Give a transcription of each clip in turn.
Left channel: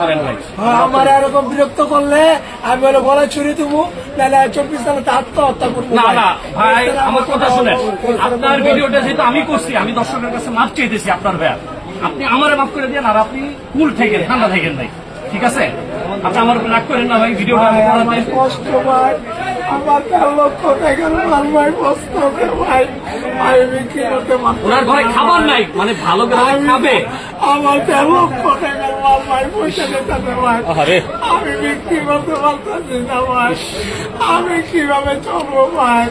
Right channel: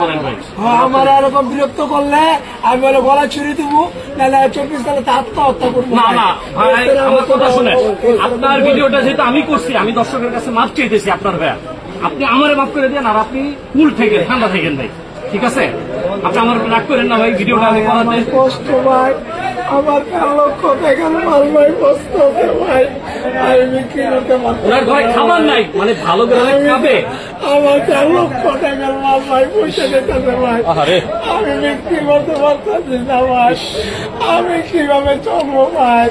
আমার এরকম বিরক্ত করলে আমি বলে গলা ছুরি দেবো, নাহলে 24 সালে আত্মহত্যা করবো। না না ভাই, আমার কথা শুনেন, আপনার ভিডিওটা যেহেতু আমি করছি, আমি দর্শকের কাছে মাপ চাইতেছি আপনার ভাই, আপনি আমারে মাফ করে দেন। আর আপনি কুল থাকেন, ঠান্ডা থাকেন ভাই, ঠিক আছে? আপনি আমার রাগ করেন না ভাই, ভিডিওটা আমি কষ্ট ভাই, আমার 13 লক্ষ টাকার মাল ভাই, কষ্ট ভাই, আমি বিক্রি করতে পারছি। ওনার ঘরে খাবার নাই, মানে ভালো খাবে। আমার 13 লক্ষ টাকার মাল ভাই, পয়সা দিতে ভাই, আমি বিক্রি করতে পারতেছি না ভাই, আমি কিভাবে চলবো ভাই?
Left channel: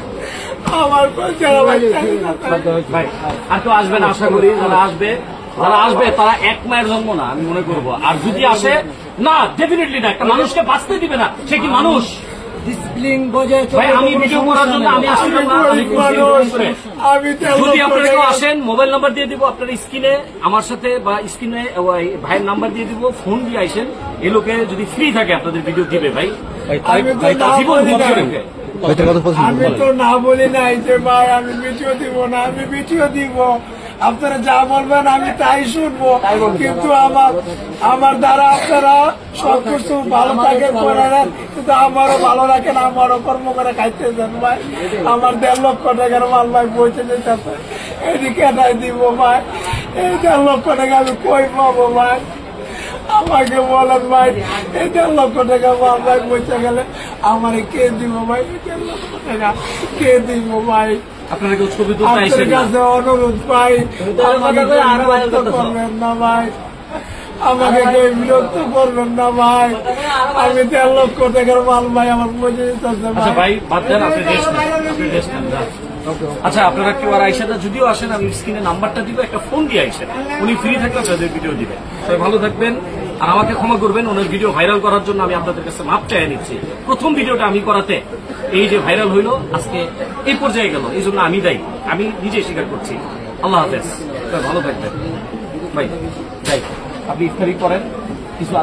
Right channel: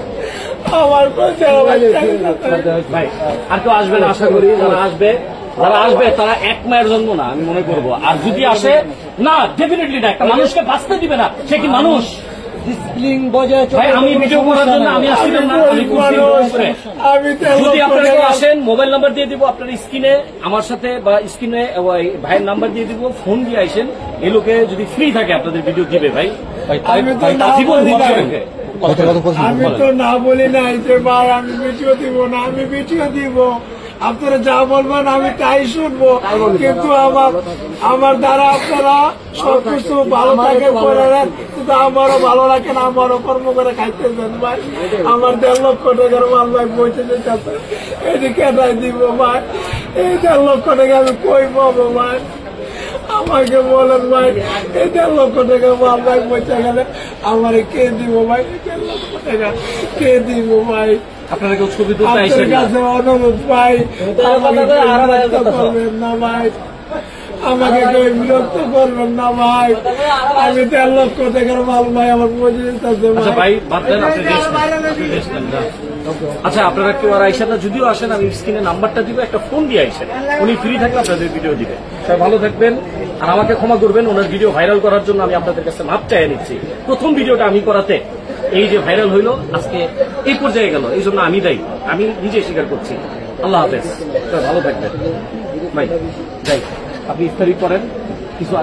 আমার পয়সা ভাই আর তো আসবেন, আশা করি যারা আসবে তারা এক মায়ের জন্ম না, আমি মনে করবো। আর যদি আসে না, ডেফিনেটলি না, একটা মানুষকে বাঁচতে দিবে না, সে কি মানুষ? ভাই আমি ভিডিও করার জন্য আমি আসছিলাম না, আমি যদি আপনারা কেউ আসেন, মোবাইল নাম্বার দিয়ে দিব আপনার স্ক্রিনে, আমার সাথে বা স্ক্রিনে ভাইয়ের নাম্বার দিয়ে দিব, ফোন দিয়ে আসেন। এই লোকে যদি ফ্রি থাকে আপনাদের ভিডিও দিবে ভাই, জীবন ধ্বংস রেখে। আমি তো না বলি নাই যে ভাই আমি ভিডিও দিব না, আমি ভিডিও দিব, আপনারা যা বলবেন আমি তাই শুনবো। কিন্তু আমার দ্বারা আপনারা সবকিছু ভালো থাকে করে নেন, কিন্তু আমারও ভালো লাগে না, আমারও কর্ম করে খাইতে দেন ভাই। আমার 1.5 লক্ষ টাকার মাল ভাই বইতে দিতেছে, এদিকে এটাই দিব ভাই, এই 1.5 লক্ষ টাকা আমি কই পাবো ভাই? আমাকে বলেন ভাই, এই 1.5 লক্ষ টাকা মাল ভাই বইতে গেলে আমার কে দিব ভাই? 1.5 লক্ষ টাকা কে দিব ভাই? আপনারা কেউ ছবি আপনার কাছে অনুরোধ ভাই, আমাকে বিরক্ত করবেন না ভাই, আমাকে কেউ বিরক্ত করবেন না ভাই। আমি 1.5 লক্ষ টাকার মাল ভাই আমার পয়সা দিতেছে ভাই। আচ্ছা আপনারা কেউ আর আইসাটা যদিও আসেন, আমি স্ক্রিনে নাম্বারটা দিব, একটা ফোন দিয়ে আসেন, উনি ফ্রি থাকলে আপনাদের ভিডিও দিবেন। তাই ভালো থাকবেন, আর আমাকে ক্ষমা করবেন। ওনার ভিডিও ভাইরাল করার জন্য আমি আপনাদের কাছে মাপ চাই নিচ্ছি। প্রথম ভিডিওটা আমি করাতে এই যে ভাইরাল হইলো, আজকে এই পর্যায়ে গেল, এই জন্য আমি দায়ী, আমি নিজে স্বীকার করছি। আল্লাহ হাফেজ, ভালো থাকবেন ভাই। ভাই আপনি ইফতারি করেন কিছু।